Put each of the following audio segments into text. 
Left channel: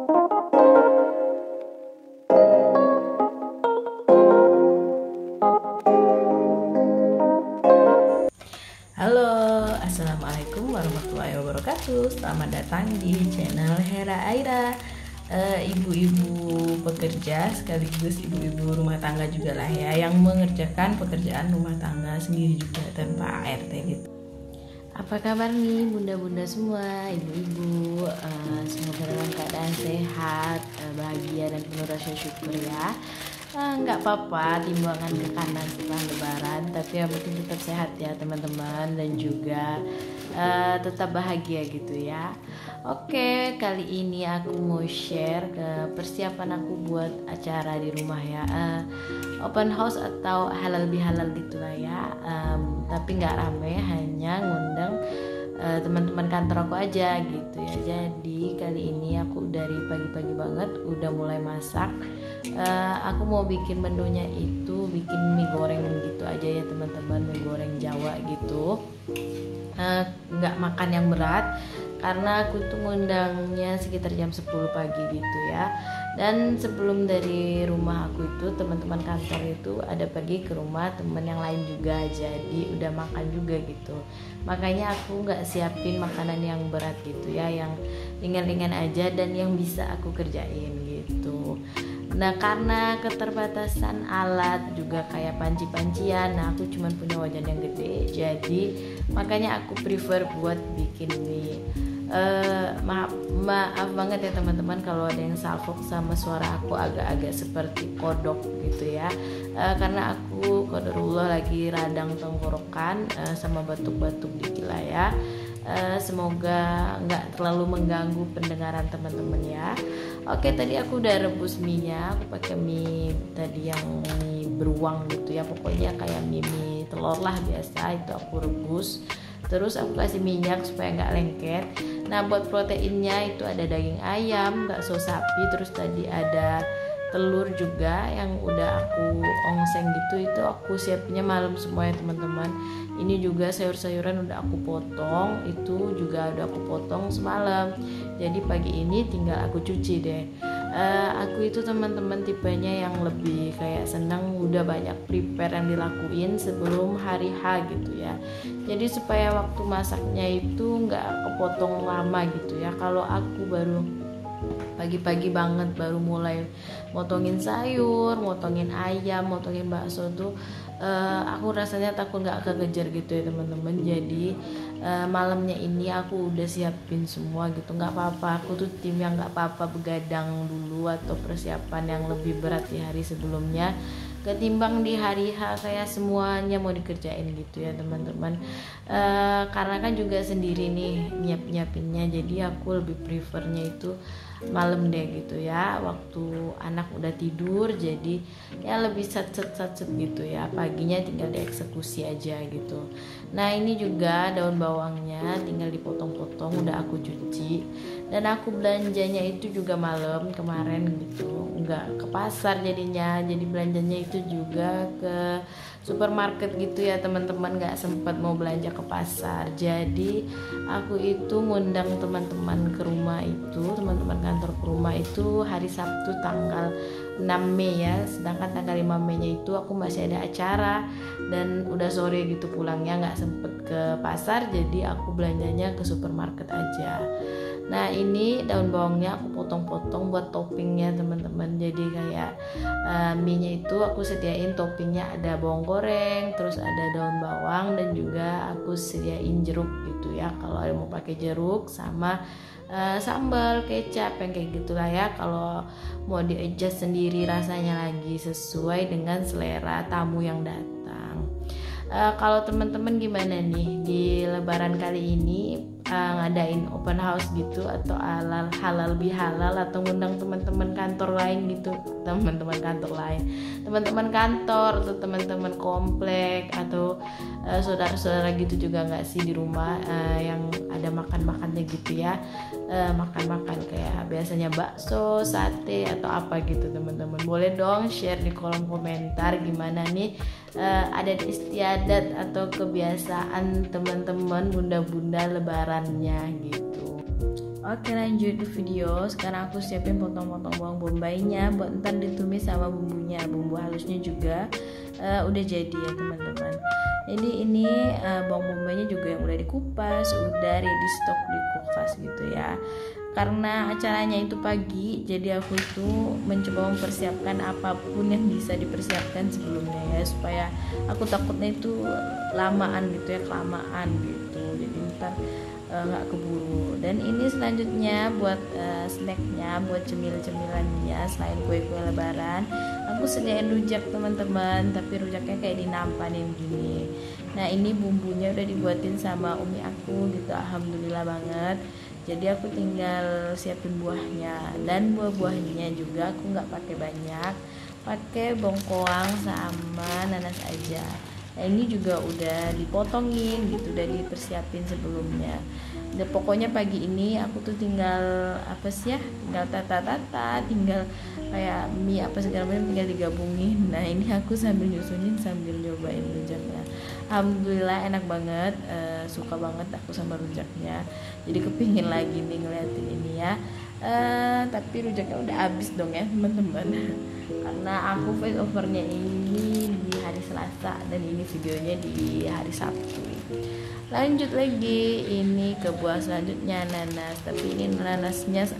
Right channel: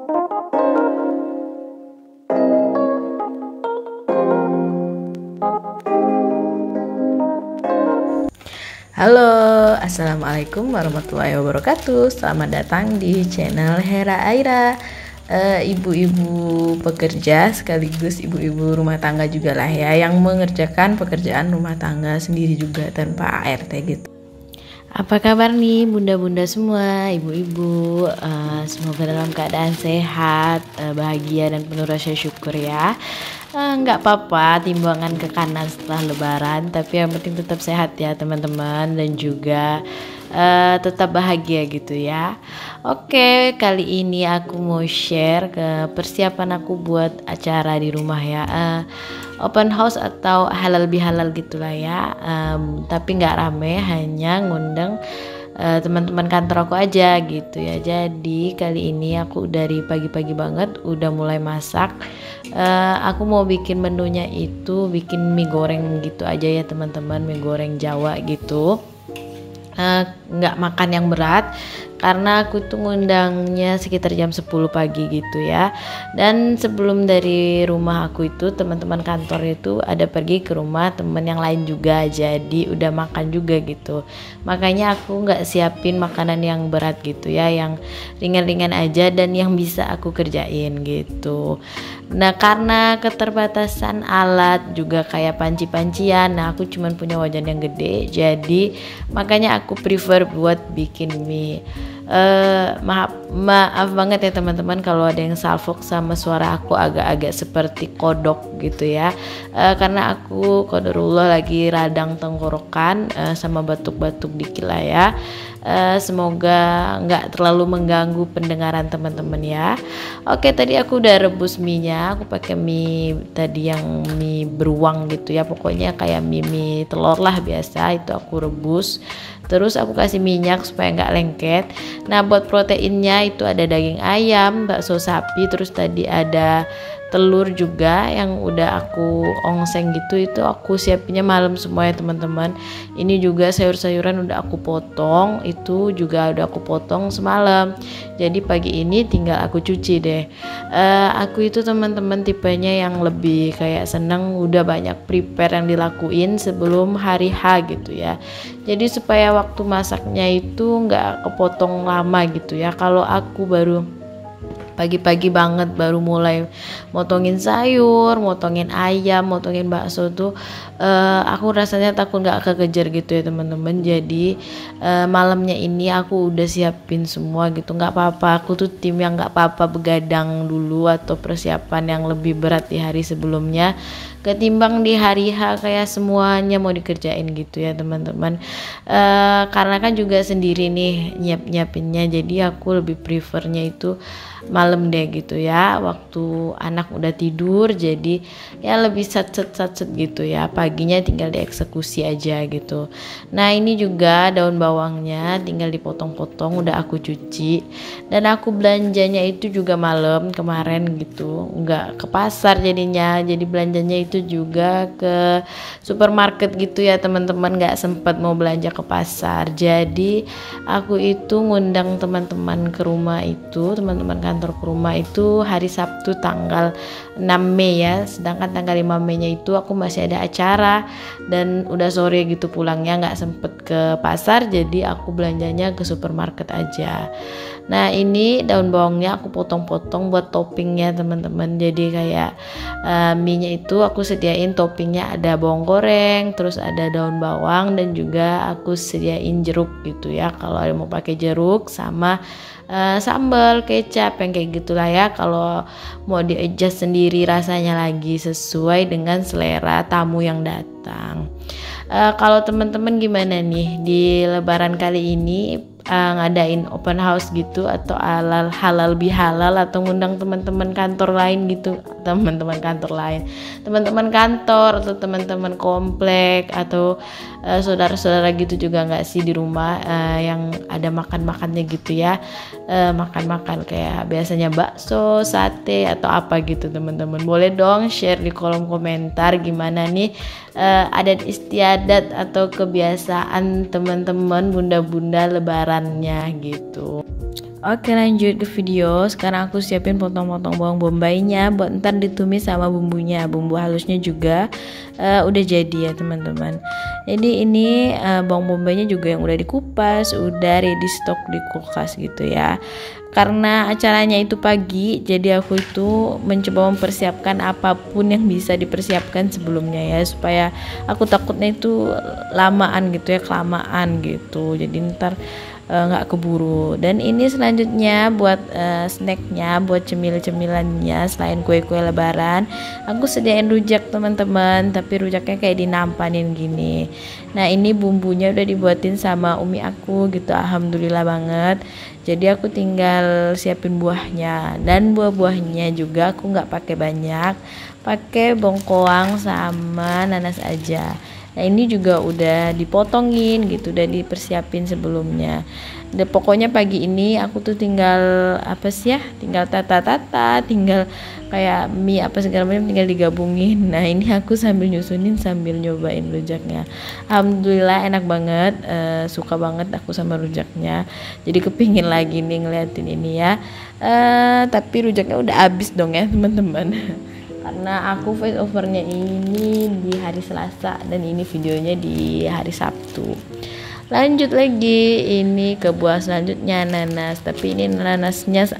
Halo, assalamualaikum warahmatullahi wabarakatuh. Selamat datang di channel Hera Aira. Ibu-ibu pekerja sekaligus ibu-ibu rumah tangga juga lah ya, yang mengerjakan pekerjaan rumah tangga sendiri juga tanpa ART gitu. Apa kabar nih bunda-bunda semua, ibu-ibu? Semoga dalam keadaan sehat, bahagia dan penuh rasa syukur ya. Nggak apa-apa timbangan ke kanan setelah lebaran, tapi yang penting tetap sehat ya teman-teman, dan juga tetap bahagia gitu ya. Oke, kali ini aku mau share ke persiapan aku buat acara di rumah ya, open house atau halal bihalal gitulah ya. Tapi nggak rame, hanya ngundang teman-teman kantor aku aja gitu ya. Jadi kali ini aku dari pagi-pagi banget udah mulai masak. Aku mau bikin menunya itu bikin mie goreng gitu aja ya teman-teman, mie goreng Jawa gitu. Nggak makan yang berat karena aku tuh ngundangnya sekitar jam 10 pagi gitu ya. Dan sebelum dari rumah aku itu teman-teman kantor itu ada pergi ke rumah teman yang lain juga, jadi udah makan juga gitu. Makanya aku nggak siapin makanan yang berat gitu ya, yang ringan-ringan aja dan yang bisa aku kerjain gitu. Nah, karena keterbatasan alat juga kayak panci-pancian, nah aku cuman punya wajan yang gede, jadi makanya aku prefer buat bikin mie. Maaf banget ya teman-teman kalau ada yang salfok sama suara aku agak-agak seperti kodok gitu ya, karena aku qadarullah lagi radang tenggorokan sama batuk-batuk dikit lah ya. Semoga nggak terlalu mengganggu pendengaran teman-teman ya. Oke, tadi aku udah rebus mie-nya. Aku pakai mie tadi yang mie beruang gitu ya, pokoknya kayak mie telur lah biasa, itu aku rebus. Terus aku kasih minyak supaya nggak lengket. Nah, buat proteinnya itu ada daging ayam, bakso sapi, terus tadi ada telur juga yang udah aku ongseng gitu, itu aku siapinnya malam semua ya teman-teman. Ini juga sayur-sayuran udah aku potong, itu juga udah aku potong semalam, jadi pagi ini tinggal aku cuci deh. Aku itu teman-teman tipenya yang lebih kayak seneng udah banyak prepare yang dilakuin sebelum hari H gitu ya, jadi supaya waktu masaknya itu nggak kepotong lama gitu ya. Kalau aku baru pagi-pagi banget baru mulai motongin sayur, motongin ayam, motongin bakso tuh aku rasanya takut nggak kekejar gitu ya teman-teman. Jadi malamnya ini aku udah siapin semua gitu. Nggak apa-apa, aku tuh tim yang nggak apa-apa begadang dulu atau persiapan yang lebih berat di hari sebelumnya ketimbang di hari H kayak semuanya mau dikerjain gitu ya teman-teman. Karena kan juga sendiri nih nyiapinnya, jadi aku lebih prefernya itu malam deh gitu ya, waktu anak udah tidur, jadi ya lebih satset gitu ya, paginya tinggal dieksekusi aja gitu. Nah, ini juga daun bawangnya tinggal dipotong-potong, udah aku cuci, dan aku belanjanya itu juga malam kemarin gitu, nggak ke pasar jadinya, jadi belanjanya itu juga ke supermarket gitu ya teman-teman, nggak sempat mau belanja ke pasar. Jadi aku itu ngundang teman-teman ke rumah itu, teman-teman kantor ke rumah itu hari Sabtu tanggal 6 Mei ya, sedangkan tanggal 5 Mei nya itu aku masih ada acara dan udah sore gitu pulangnya, nggak sempet ke pasar, jadi aku belanjanya ke supermarket aja. Nah, ini daun bawangnya aku potong-potong buat toppingnya teman-teman, jadi kayak mie-nya itu aku sediain toppingnya ada bawang goreng, terus ada daun bawang, dan juga aku sediain jeruk gitu ya, kalau ada mau pakai jeruk, sama sambal, kecap, yang kayak gitulah ya. Kalau mau di adjust sendiri rasanya lagi sesuai dengan selera tamu yang datang. Kalau teman-teman gimana nih di lebaran kali ini, ngadain open house gitu atau halal bihalal, atau ngundang teman-teman kantor lain gitu, teman-teman kantor atau teman-teman komplek atau saudara-saudara gitu juga nggak sih di rumah, yang ada makan-makannya gitu ya, makan-makan kayak biasanya bakso, sate atau apa gitu teman-teman. Boleh dong share di kolom komentar gimana nih adat istiadat atau kebiasaan teman-teman bunda-bunda lebarannya gitu. Oke, lanjut ke video. Sekarang aku siapin potong-potong bawang bombaynya buat ntar ditumis sama bumbunya. Bumbu halusnya juga udah jadi ya teman-teman. Jadi ini bawang bombaynya juga yang udah dikupas, udah ready stock di kulkas gitu ya. Karena acaranya itu pagi, jadi aku itu mencoba mempersiapkan apapun yang bisa dipersiapkan sebelumnya ya, supaya aku takutnya itu lamaan gitu ya, kelamaan gitu. Jadi ntar nggak keburu. Dan ini selanjutnya buat snacknya, buat cemil-cemilannya selain kue-kue lebaran, aku sediain rujak teman-teman, tapi rujaknya kayak dinampanin gini. Nah ini bumbunya udah dibuatin sama umi aku gitu, alhamdulillah banget. Jadi aku tinggal siapin buahnya, dan buah-buahnya juga aku nggak pakai banyak, pakai bongkoang sama nanas aja. Nah ini juga udah dipotongin gitu, udah dipersiapin sebelumnya. Dan pokoknya pagi ini aku tuh tinggal apa sih ya, tinggal tata-tata, tinggal kayak mie apa segala macam tinggal digabungin. Nah ini aku sambil nyusunin sambil nyobain rujaknya. Alhamdulillah enak banget, suka banget aku sama rujaknya. Jadi kepingin lagi nih ngeliatin ini ya. Tapi rujaknya udah habis dong ya teman-teman. Karena aku voice overnya ini di hari Selasa dan ini videonya di hari Sabtu. Lanjut lagi, ini ke buah selanjutnya nanas, tapi ini nanasnya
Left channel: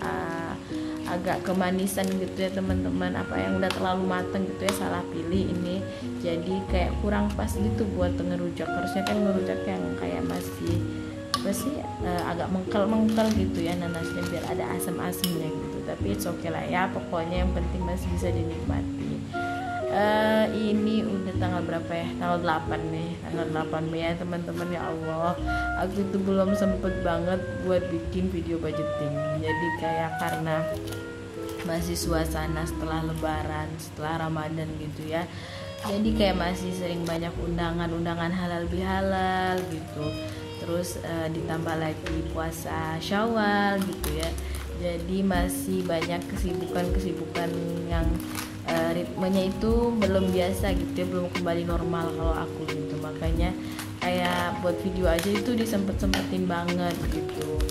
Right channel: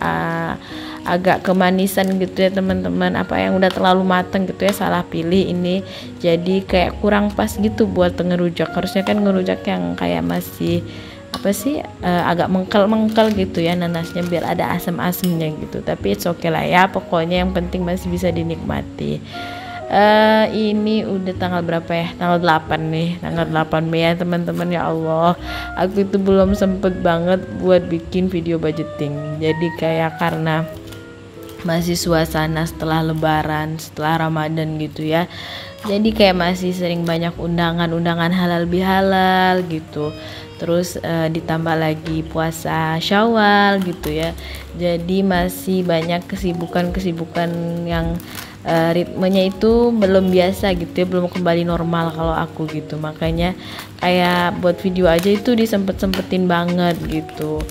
agak kemanisan gitu ya teman-teman, apa yang udah terlalu mateng gitu ya, salah pilih ini, jadi kayak kurang pas gitu buat ngerujak. Harusnya kan ngerujak yang kayak masih apa sih agak mengkel gitu ya nanasnya, biar ada asam-asamnya gitu. Tapi it's okay lah ya, pokoknya yang penting masih bisa dinikmati. Ini udah tanggal berapa ya, tanggal 8 nih, tanggal 8 Mei ya teman-teman. Ya Allah, aku itu belum sempet banget buat bikin video budgeting. Jadi kayak karena masih suasana setelah lebaran, setelah Ramadan gitu ya, jadi kayak masih sering banyak undangan halal bihalal gitu. Terus ditambah lagi puasa Syawal gitu ya, jadi masih banyak kesibukan yang ritmenya itu belum biasa gitu ya, belum kembali normal kalau aku gitu. Makanya kayak buat video aja itu disempet-sempetin banget gitu.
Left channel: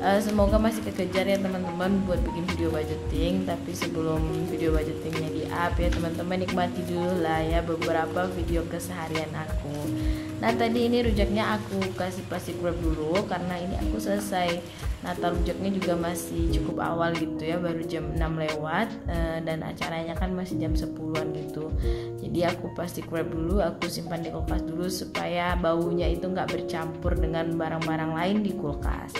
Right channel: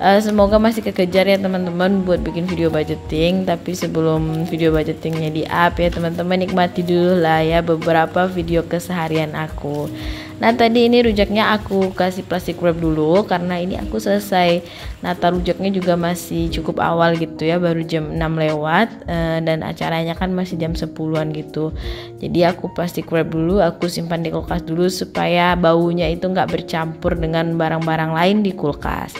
Semoga masih kekejar ya teman-teman buat bikin video budgeting. Tapi sebelum video budgetingnya di up ya teman-teman, nikmati dulu lah ya beberapa video keseharian aku. Nah tadi ini rujaknya aku kasih plastik wrap dulu karena ini aku selesai nata rujaknya juga masih cukup awal gitu ya, baru jam 6 lewat dan acaranya kan masih jam 10-an gitu. Jadi aku plastik wrap dulu, aku simpan di kulkas dulu supaya baunya itu nggak bercampur dengan barang-barang lain di kulkas.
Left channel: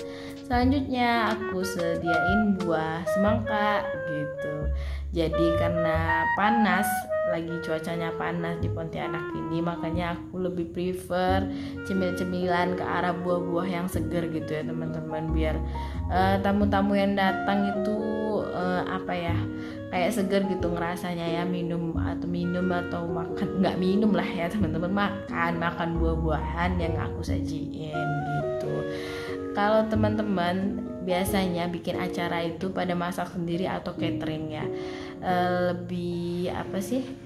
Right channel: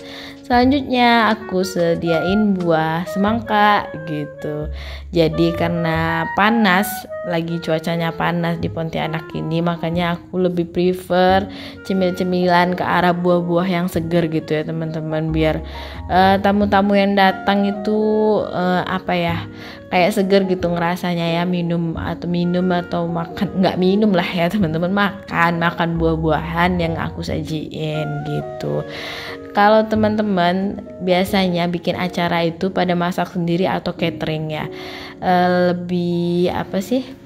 Selanjutnya aku sediain buah semangka gitu. Jadi karena panas, lagi cuacanya panas di Pontianak ini, makanya aku lebih prefer cemil-cemilan ke arah buah-buah yang seger gitu ya teman-teman, biar tamu-tamu yang datang itu apa ya, kayak seger gitu ngerasanya ya, minum atau makan, nggak minum lah ya teman-teman, makan buah-buahan yang aku sajiin gitu. Kalau teman-teman biasanya bikin acara itu pada masak sendiri atau catering ya, lebih apa sih,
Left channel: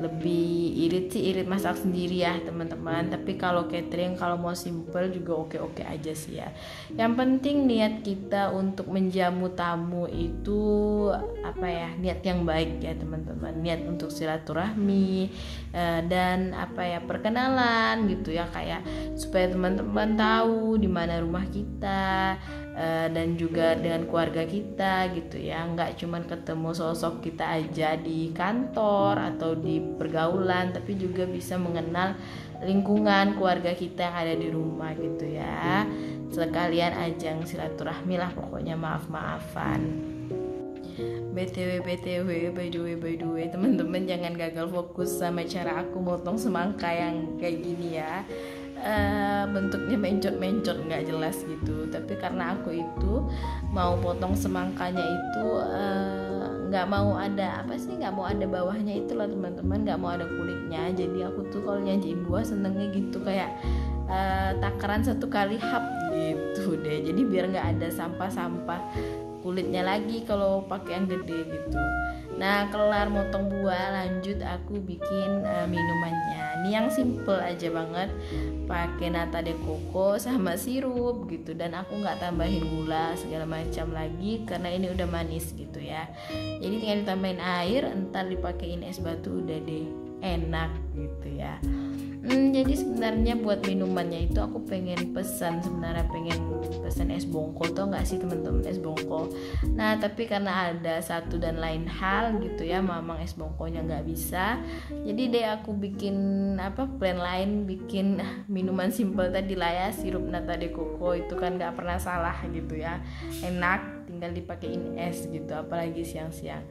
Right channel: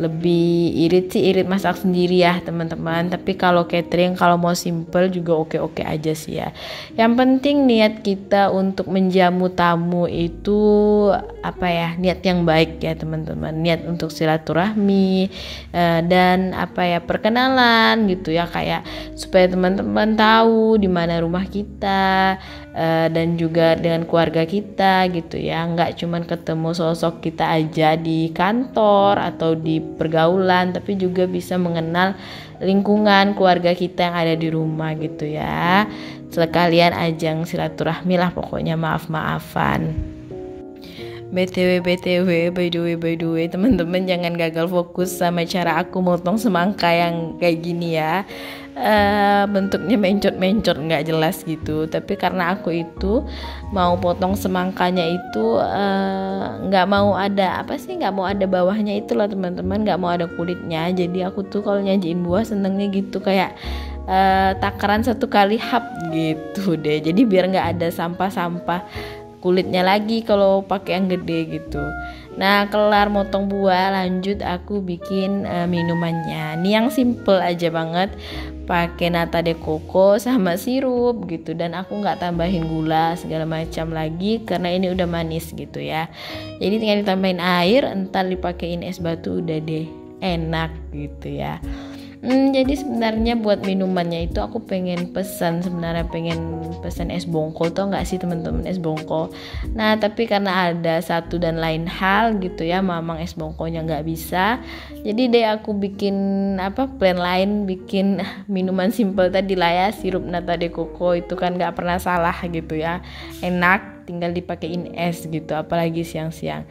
lebih irit masak sendiri ya teman-teman. Tapi kalau catering, kalau mau simple juga oke-oke aja sih ya. Yang penting niat kita untuk menjamu tamu itu apa ya, niat yang baik ya teman-teman, niat untuk silaturahmi dan apa ya, perkenalan gitu ya, kayak supaya teman-teman tahu di mana rumah kita dan juga dengan keluarga kita gitu ya, nggak cuman ketemu sosok kita aja di kantor atau di pergaulan, tapi juga bisa mengenal lingkungan keluarga kita yang ada di rumah gitu ya. Sekalian ajang silaturahmi lah pokoknya, maaf-maafan. BTW by the way teman-teman, jangan gagal fokus sama cara aku motong semangka yang kayak gini ya. Bentuknya mencot nggak jelas gitu, tapi karena aku itu mau potong semangkanya itu nggak mau ada nggak mau ada bawahnya itu loh teman-teman, nggak mau ada kulitnya. Jadi aku tuh kalau nyajiin buah senengnya gitu kayak takaran satu kali hap gitu deh, jadi biar nggak ada sampah kulitnya lagi kalau pakai yang gede gitu. Nah kelar motong buah, lanjut aku bikin minumannya. Ini yang simple aja banget, pakai nata de coco sama sirup gitu, dan aku nggak tambahin gula segala macam lagi karena ini udah manis gitu ya. Jadi tinggal ditambahin air, entar dipakein es batu, udah deh enak gitu ya. Jadi sebenarnya buat minumannya itu aku pengen pesan es bongko, tau nggak sih teman-teman, es bongko. Nah tapi karena ada satu dan lain hal gitu ya, mamang es bongkonya nggak bisa, jadi deh aku bikin plan lain, bikin minuman simple tadi lah ya, sirup nata de coco itu kan nggak pernah salah gitu ya, enak, tinggal dipakein es gitu, apalagi siang-siang.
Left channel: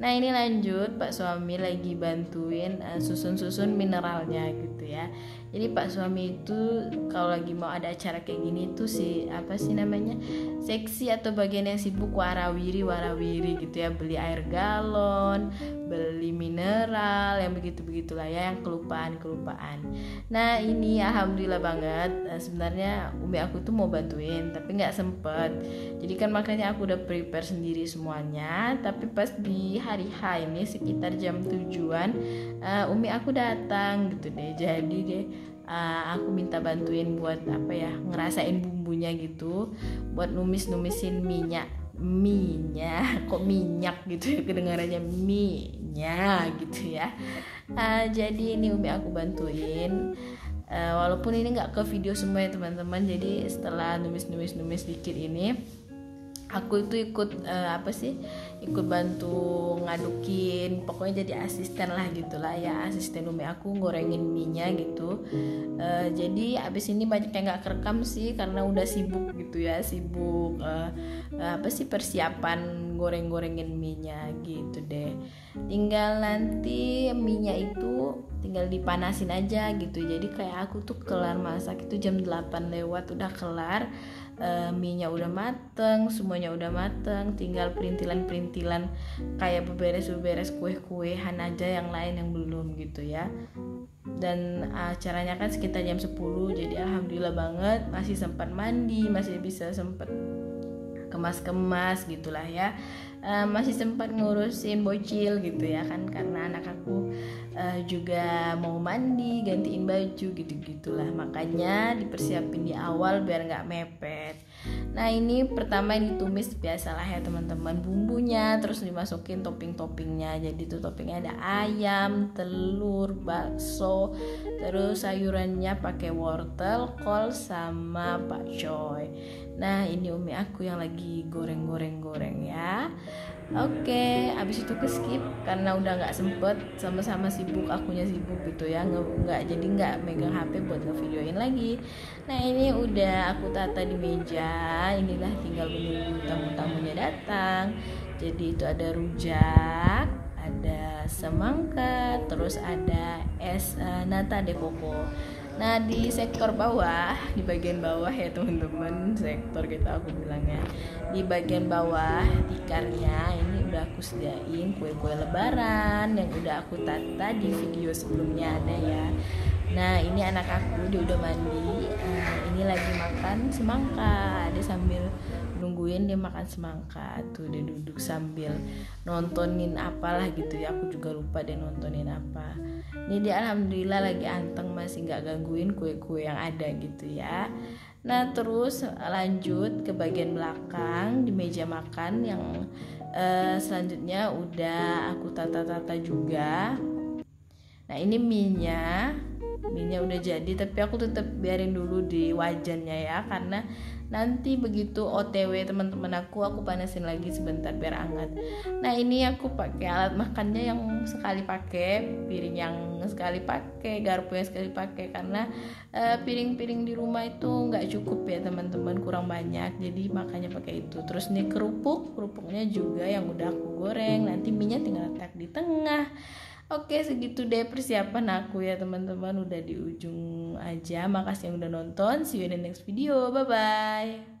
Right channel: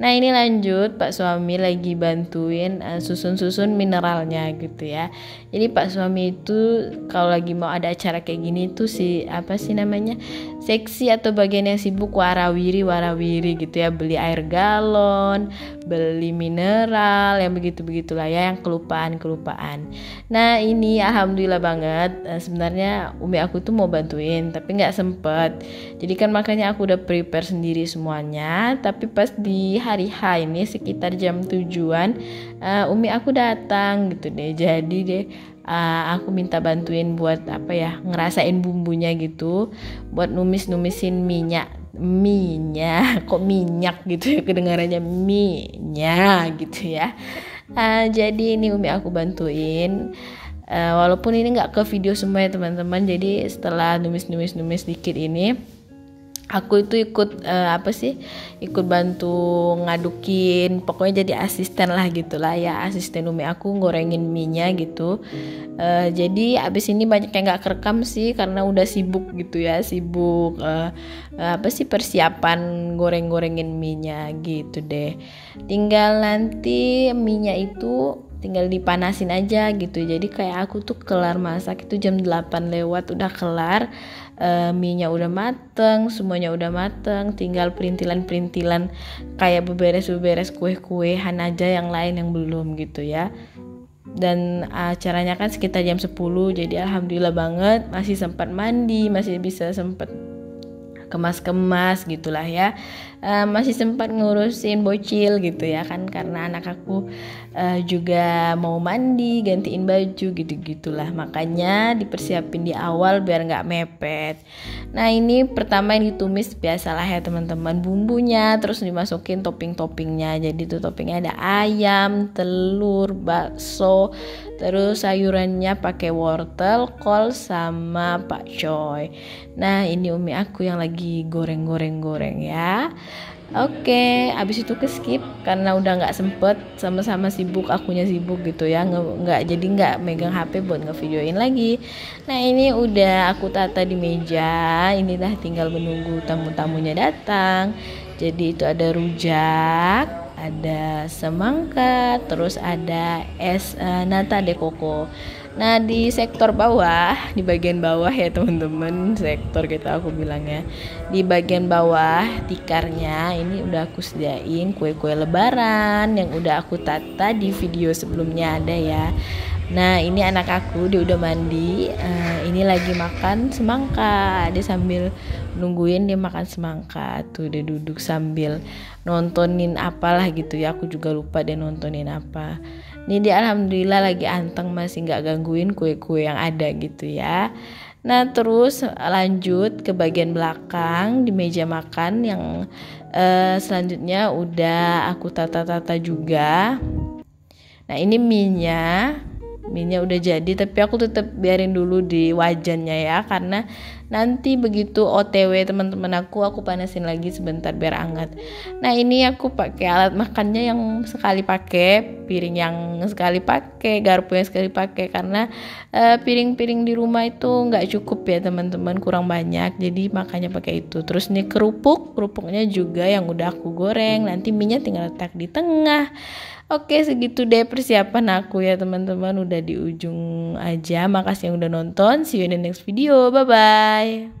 Nah ini lanjut, Pak suami lagi bantuin susun-susun mineralnya gitu ya. Jadi Pak suami itu kalau lagi mau ada acara kayak gini tuh seksi atau bagian yang sibuk warawiri gitu ya, beli air galon, beli mineral yang begitulah ya, yang kelupaan. Nah ini alhamdulillah banget, sebenarnya umi aku tuh mau bantuin tapi nggak sempet. Jadi kan makanya aku udah prepare sendiri semuanya, tapi pas di hari H ini sekitar jam 7-an umi aku datang gitu deh. Jadi deh aku minta bantuin buat ngerasain bumbunya gitu, buat numisin minyak kok minyak gitu ya kedengarannya, minyak gitu ya. Jadi ini umi aku bantuin, walaupun ini nggak ke video semua ya teman-teman. Jadi setelah numis dikit ini, aku itu ikut ikut bantu ngadukin, pokoknya jadi asisten lah gitulah ya, asisten umi aku gorengin minyak gitu. Jadi abis ini banyak yang nggak kerekam sih karena udah sibuk gitu ya, persiapan gorengin minyak gitu deh. Tinggal nanti minyak itu tinggal dipanasin aja gitu. Jadi kayak aku tuh kelar masak itu jam 8 lewat udah kelar, minyak udah mateng, semuanya udah mateng, tinggal perintilan kayak beberes kue-kuehan aja, yang lain yang belum gitu ya. Dan acaranya kan sekitar jam 10, jadi alhamdulillah banget masih sempat mandi, masih bisa sempat kemas gitulah ya, masih sempat ngurusin bocil gitu ya kan, karena anak aku juga mau mandi, gantiin baju gitu-gitulah, makanya dipersiapin di awal biar nggak mepet. Nah ini pertama yang ditumis biasalah ya teman-teman, bumbunya, terus dimasukin toppingnya. Jadi tuh toppingnya ada ayam, telur, bakso, terus sayurannya pakai wortel, kol, sama pakcoy. Nah ini umi aku yang lagi goreng ya. Oke, abis itu ke skip karena udah nggak sempet, sama-sama sibuk, akunya sibuk gitu ya, nggak megang HP buat ngevideoin lagi. Nah ini udah aku tata di meja, inilah tinggal menunggu tamu-tamunya datang. Jadi itu ada rujak, ada semangka, terus ada es nata de coco. Nah di sektor bawah, di bagian bawah ya teman-teman, sektor kita aku bilangnya, di bagian bawah tikarnya ini udah aku sediain kue-kue lebaran yang udah aku tata di video sebelumnya ada ya. Nah ini anak aku, dia udah mandi, ini lagi makan semangka, dia sambil nungguin dia makan semangka tuh, dia duduk sambil nontonin apalah gitu ya, aku juga lupa dia nontonin apa. Ini dia alhamdulillah lagi anteng, masih nggak gangguin kue-kue yang ada gitu ya. Nah terus lanjut ke bagian belakang di meja makan yang selanjutnya udah aku tata juga. Nah ini minyak udah jadi, tapi aku tetap biarin dulu di wajannya ya, karena nanti begitu OTW teman-teman aku panasin lagi sebentar biar hangat. Nah ini aku pakai alat makannya yang sekali pakai, piring yang sekali pakai, garpu yang sekali pakai, karena piring-piring di rumah itu nggak cukup ya teman-teman, kurang banyak, jadi makanya pakai itu. Terus nih kerupuknya juga yang udah aku goreng, nanti minyak tinggal letak di tengah. Oke, segitu deh persiapan aku ya teman-teman, udah di ujung aja. Makasih yang udah nonton, see you in the next video, bye bye.